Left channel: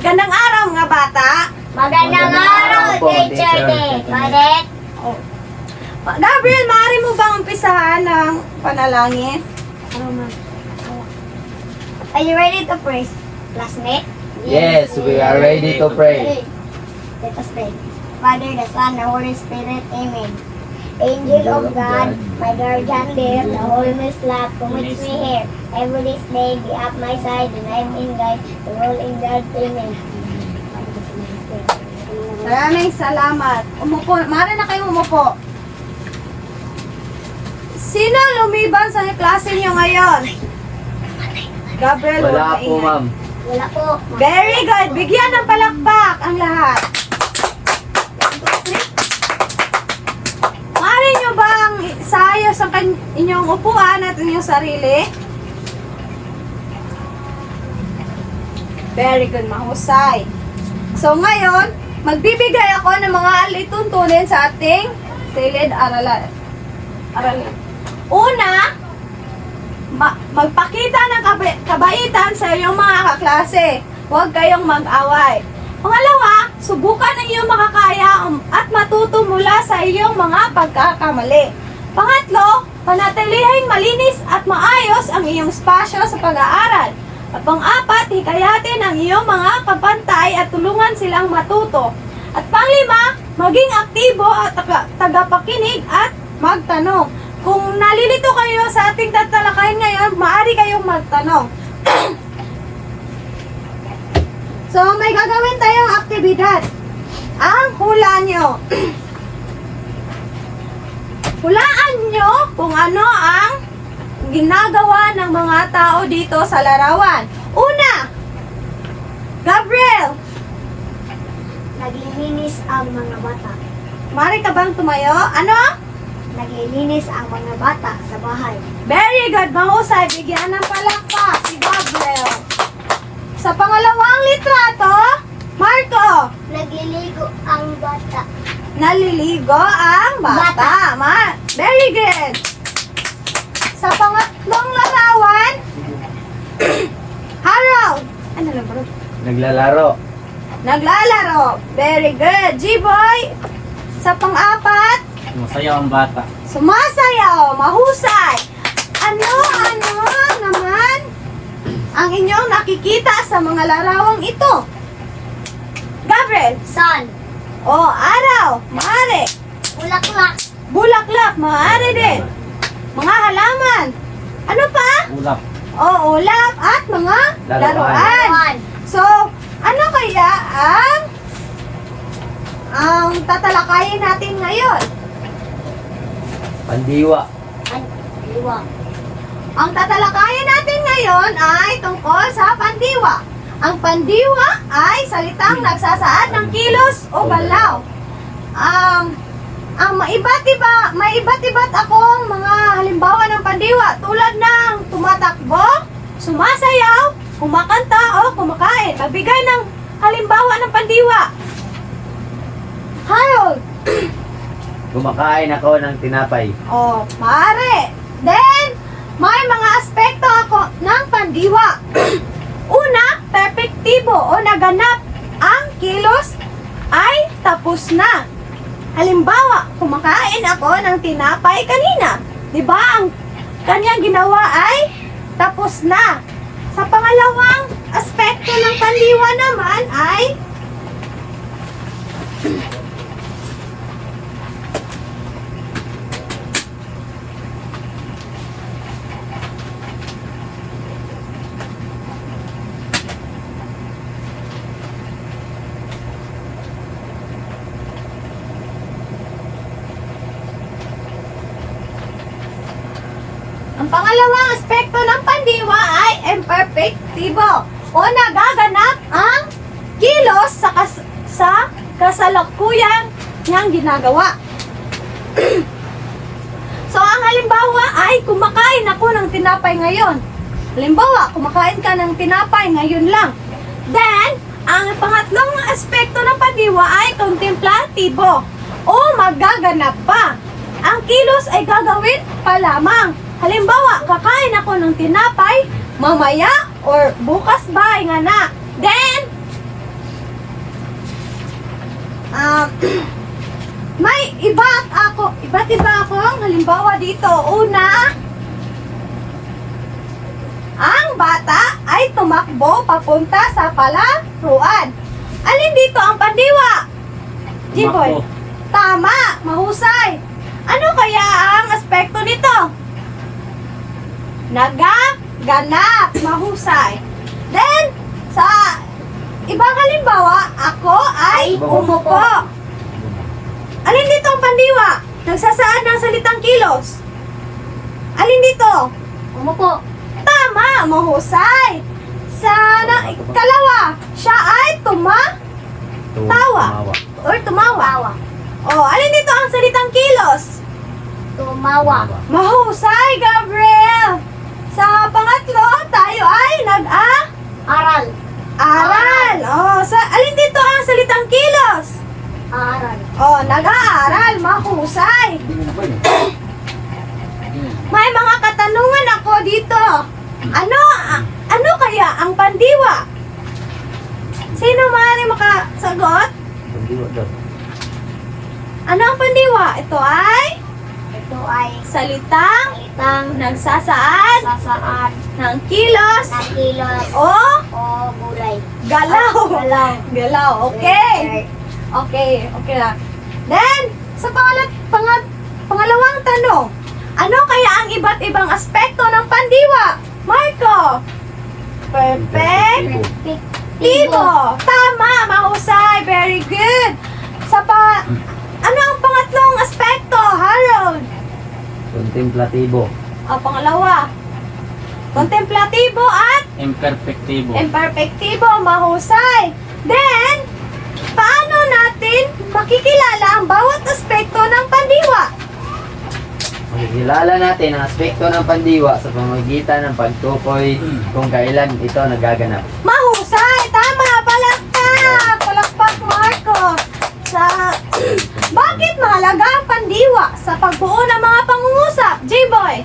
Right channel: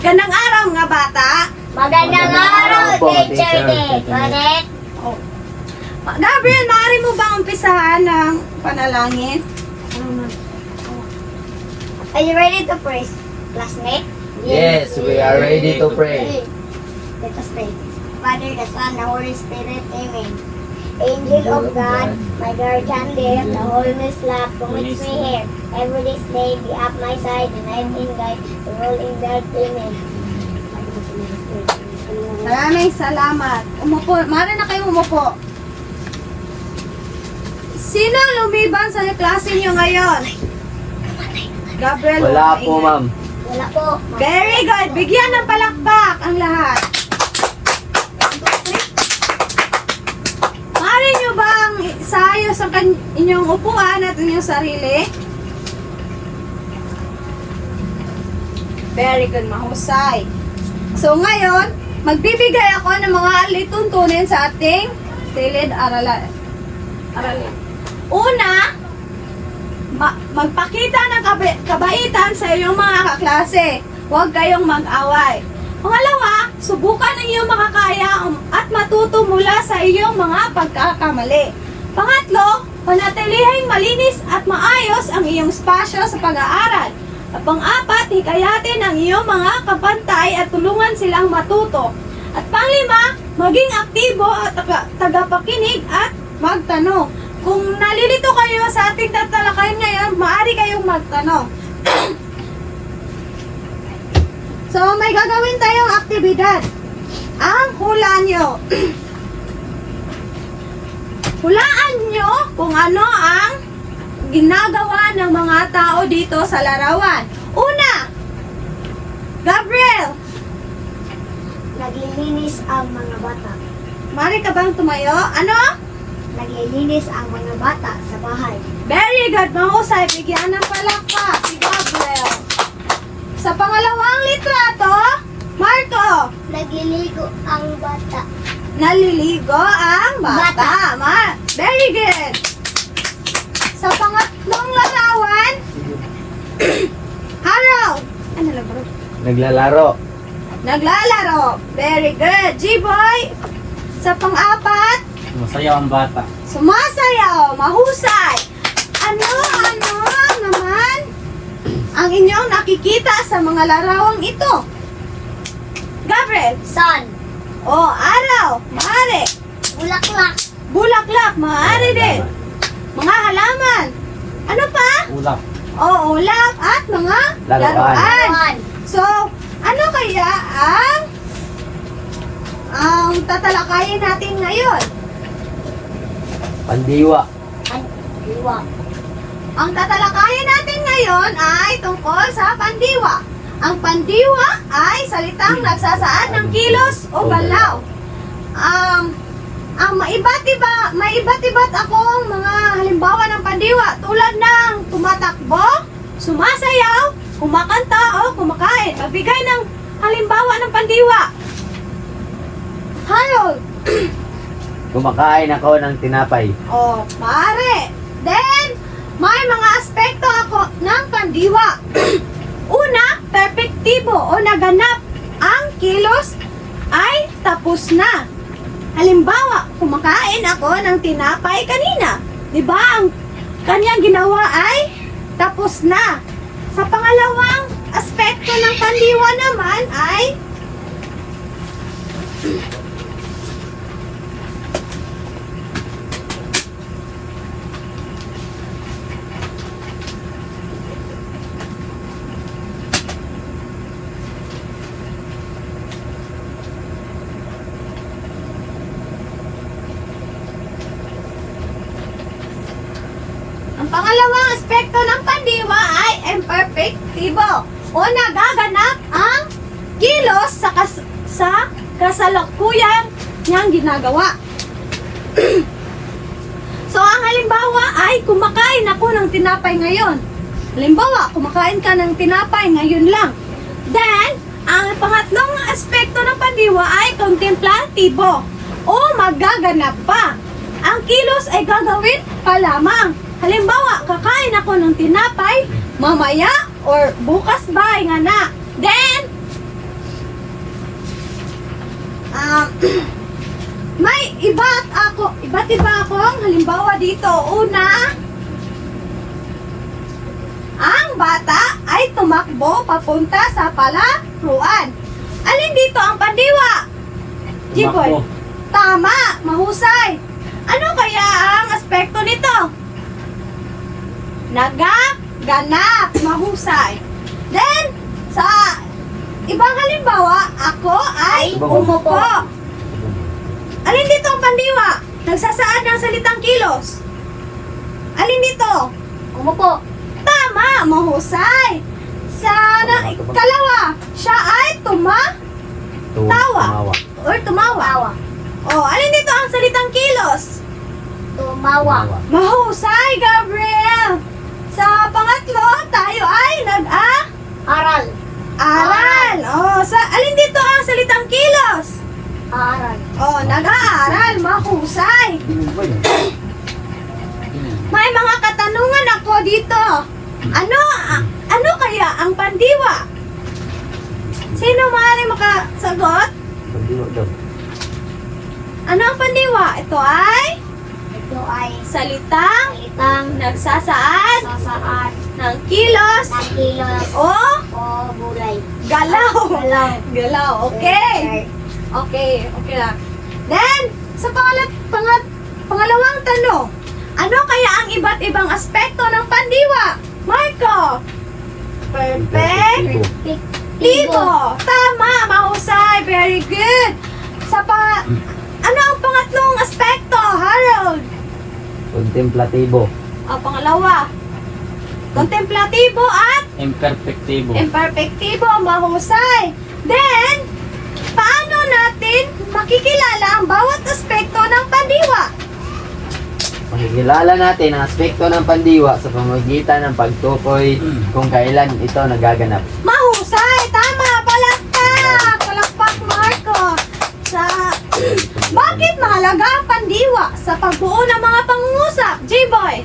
Magandang araw mga bata. Magandang araw, Teacher Day. Correct? Oh. Gabriel, maaari mo bang umpisahan ng panalangin? Are you ready to pray, classmate? Yes, we are ready to pray. Let us pray. Father, the Son, the Holy Spirit, Amen. Angel of God, my guardian there, the Holy Love, commits me here. Every this day, be at my side, and I am in God, the world in God, Amen. Maraming salamat. Umupo. Maaari na kayo umupo. Sino lumiban sa klase niyo ngayon? Gabriel, Wala po, ma'am. Wala po. Very good. Bigyan ng palakpak ang lahat. Maaari nyo bang isayos ang inyong upuan at inyong sarili? Very good. Mahusay. So ngayon, magbibigay ako ng mga alituntunin sa ating silid aralin. Una, magpakita ng kabaitan sa iyong mga kaklase. Huwag kayong mag-away. Pangalawa, subukan ng iyong makakaya at matuto mula sa iyong mga pagkakamali. Pangatlo, panatilihing malinis at maayos ang iyong spasyo sa pag-aaral. At pang-apat, hikayatin ang iyong mga kapantay at tulungan silang matuto. At panglima, maging aktibo at tagapakinig at magtanong. Kung nalilito kayo sa ating tatalakayin ngayon, maaari kayong magtanong. So, may gagawin tayong aktibidad. Ang hula nyo. Hulaan nyo kung ano ang ginagawa ng mga tao dito sa larawan. Una, Gabriel, Naglilinis ang mga bata. maaari ka bang tumayo? Ano? Naglilinis ang mga bata sa bahay. Very good, mahusay. Bigyan ng palakpak si Gabriel. Sa pangalawang litrato, Marco, Nagliligo ang bata. naliligo ang bata. Very good. Sa pangatlong larawan, Harold, ano na ba? Naglalaro. Naglalaro. Very good. G-boy, sa pang-apat, Masayaw ang bata. sumasayaw. Mahusay. Ano naman ang inyong nakikita sa mga larawang ito? Gabriel. Sun. Araw. Maaari. Bulaklak. Bulaklak. Maaari din. Mga halaman. Ano pa? Ulap. Ulap at mga Laruan. Laruan. So, ano kaya ang tatalakayin natin ngayon? Pandiwa. Liwa. Ang tatalakayin natin ngayon ay tungkol sa pandiwa. Ang pandiwa ay salitang nagsasaad ng kilos o galaw. Ang may iba't iba't akong mga halimbawa ng pandiwa tulad ng tumatakbo, sumasayaw, kumakanta o kumakain. Magbigay ng halimbawa ng pandiwa. Harold. Kumakain ako ng tinapay. Maaari. Then, may mga aspekto ako ng pandiwa. Una, perpektibo o naganap. Ang kilos ay tapos na. Halimbawa, kumakain ako ng tinapay kanina. Diba ang kanyang ginawa ay tapos na. Sa pangalawang aspekto ng pandiwa naman ay ang pangalawang aspekto ng pandiwa ay imperfectibo o nagaganap ang kilos sa kasalukuyan niyang ginagawa. So, ang halimbawa ay kumakain ako ng tinapay ngayon. Halimbawa, kumakain ka ng tinapay ngayon lang. Then, ang pangatlong aspekto ng pandiwa ay contemplatibo o magaganap pa. Ang kilos ay gagawin pa lamang. Halimbawa, kakain ako ng tinapay mamaya or bukas ba nga na. Then, may iba't iba akong halimbawa dito. Una, ang bata ay tumakbo papunta sa palaruan. Alin dito ang pandiwa? Jiboy. Tumakbo. Tama, mahusay. Ano kaya ang aspekto nito? Nagaganap, mahusay. Then, sa ibang halimbawa, ako ay umupo. Alin dito ang pandiwa? Nagsasaad ng salitang kilos. Alin dito? Umupo. Tama, mahusay. Kalawa, siya ay tumawa. Tumawa. Or tumawa. Tawa. Oh, alin dito ang salitang kilos? Tumawa. Mahusay, Gabriel. Sa pangatlo, tayo ay Aral. aral. Oh, alin dito ang salitang kilos? Aral. Oh, nag-aaral, mahusay. May mga katanungan ako dito. Ano kaya ang pandiwa? Sino maaari makasagot? Pandiwa daw. Ano ang pandiwa? Ito ay Ito ay salitang salitang nagsasaad sasaan ng kilos na kilos o o gulay. galaw. Galaw. Galaw, okay. Okay lang. Then, sa pangalawang tanong, ano kaya ang iba't ibang aspekto ng pandiwa? Marco? Perfect. Tibo. Tama, mahusay. Very good. Ano ang pangatlong aspekto, Harold? Kontemplatibo. Pangalawa. Kontemplatibo at Imperfectibo. imperfectibo, mahusay. Then, paano natin makikilala ang bawat aspekto ng pandiwa? Makikilala natin ang aspekto ng pandiwa sa pamamagitan ng pagtukoy kung kailan ito nagaganap. Mahusay! Tama! Palakpak! Palakpak, Marco! Bakit mahalaga ang pandiwa sa pagbuo ng mga pangungusap? J-Boy!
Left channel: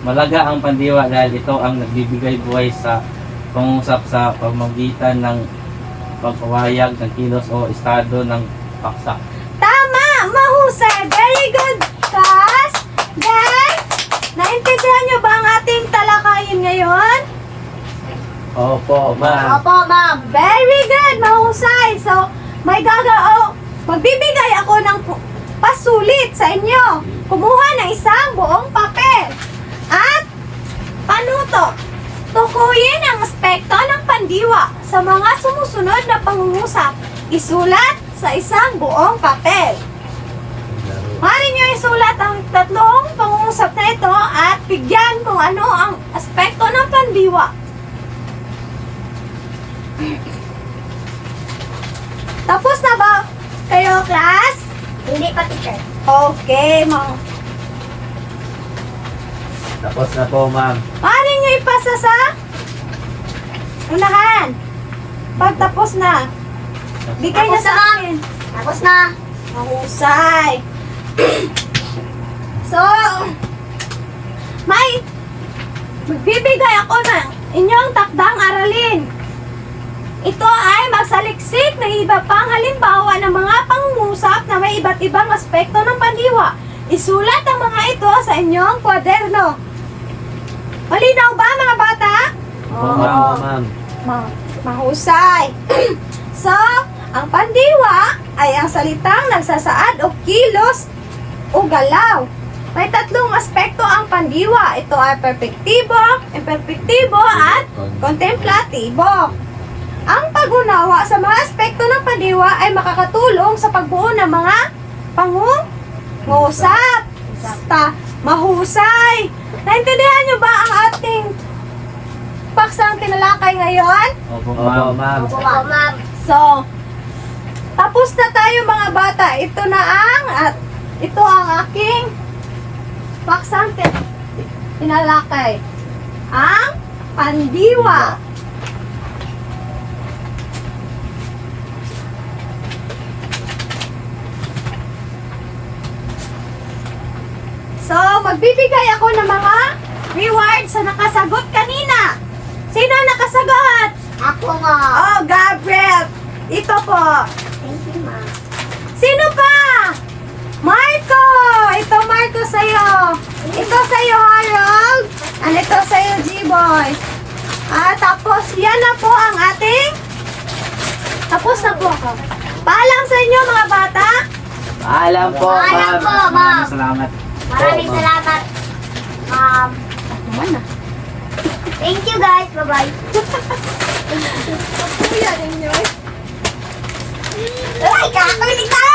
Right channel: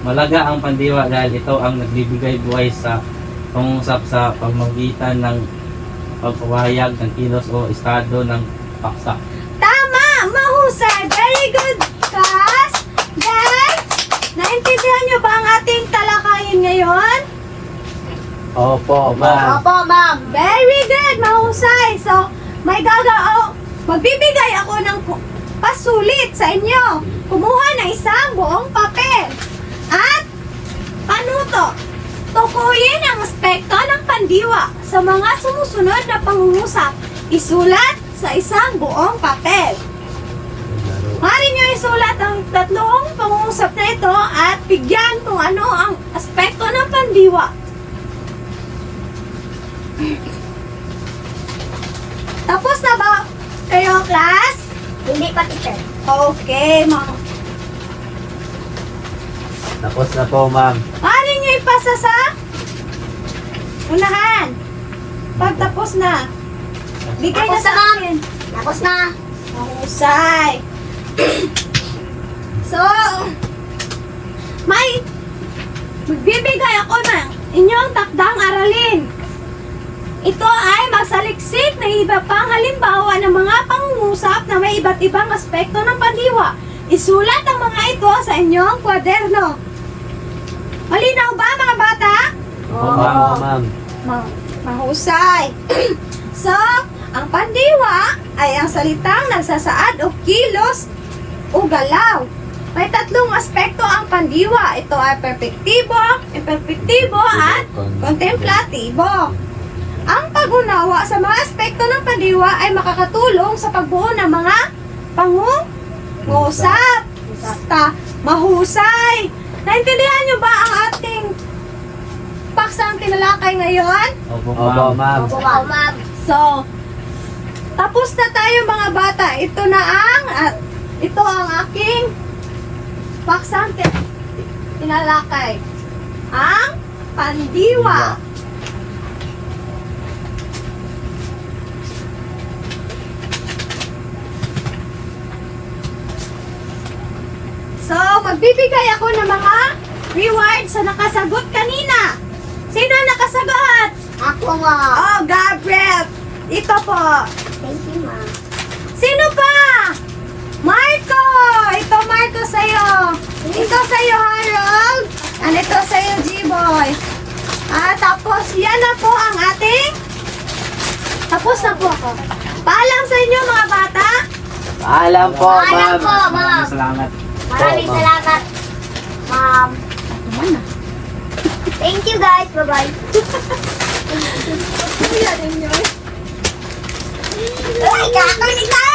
Malaga ang pandiwa dahil ito ang nagbibigay buhay sa pangungusap sa pamamagitan ng pagpapahayag ng kilos o estado ng paksa. Tama! Mahusay! Very good, Cass! Then, naintindihan niyo ba ang ating talakayin ngayon? Opo, ma'am. Opo, ma'am. Very good! Mahusay! So, magbibigay ako ng pasulit sa inyo. Kumuha ng isang buong papel. At, panuto. Tukuyin ang aspekto ng pandiwa sa mga sumusunod na pangungusap. Isulat sa isang buong papel. Maaari nyo isulat ang tatlong pangungusap na ito at bigyan kung ano ang aspekto ng pandiwa. Tapos na ba kayo, class? Hindi pa, teacher. Okay, Tapos na po, ma'am. maaari nyo ipasa sa unahan. Pagtapos na, bigay na Tapos sa na, ma'am. akin. Tapos na. Mahusay. So, magbibigay ako ng inyong takdang aralin. Ito ay magsaliksik ng iba pang halimbawa ng mga pangungusap na may iba't ibang aspekto ng pandiwa. Isulat ang mga ito sa inyong kwaderno. Malinaw ba, mga bata? Opo, ma'am. Mahusay. So, ang pandiwa ay ang salitang nagsasaad o kilos o galaw. May tatlong aspekto ang pandiwa. Ito ay perpektibo, imperfektibo, at kontemplatibo. Ang pag-unawa sa mga aspekto ng pandiwa ay makakatulong sa pagbuo ng mga pangungusap. Mahusay. Naintindihan niyo ba ang ating paksang tinalakay ngayon? Opo, Opo, ma'am. ma'am. Opo, ma'am. So, tapos na tayo, mga bata. Ito ang aking paksang tinalakay. Ang pandiwa. So, magbibigay ako ng mga rewards sa nakasagot kanina. Sino ang nakasagot? Ako, ma'am. Oh, Gabriel. Ito po. Thank you, ma'am. Sino pa? Marco! Ito Marco sa'yo. Ito sa'yo Harold. And ito sa'yo G-Boy. Tapos yan na po ang ating. Tapos na po ako. Paalam sa inyo mga bata. Paalam po, Paalam ma'am. po, ma'am. Maraming salamat. Maraming ma'am. salamat, ma'am. Naman na. Thank you guys. Bye-bye. Ay, kakalitan!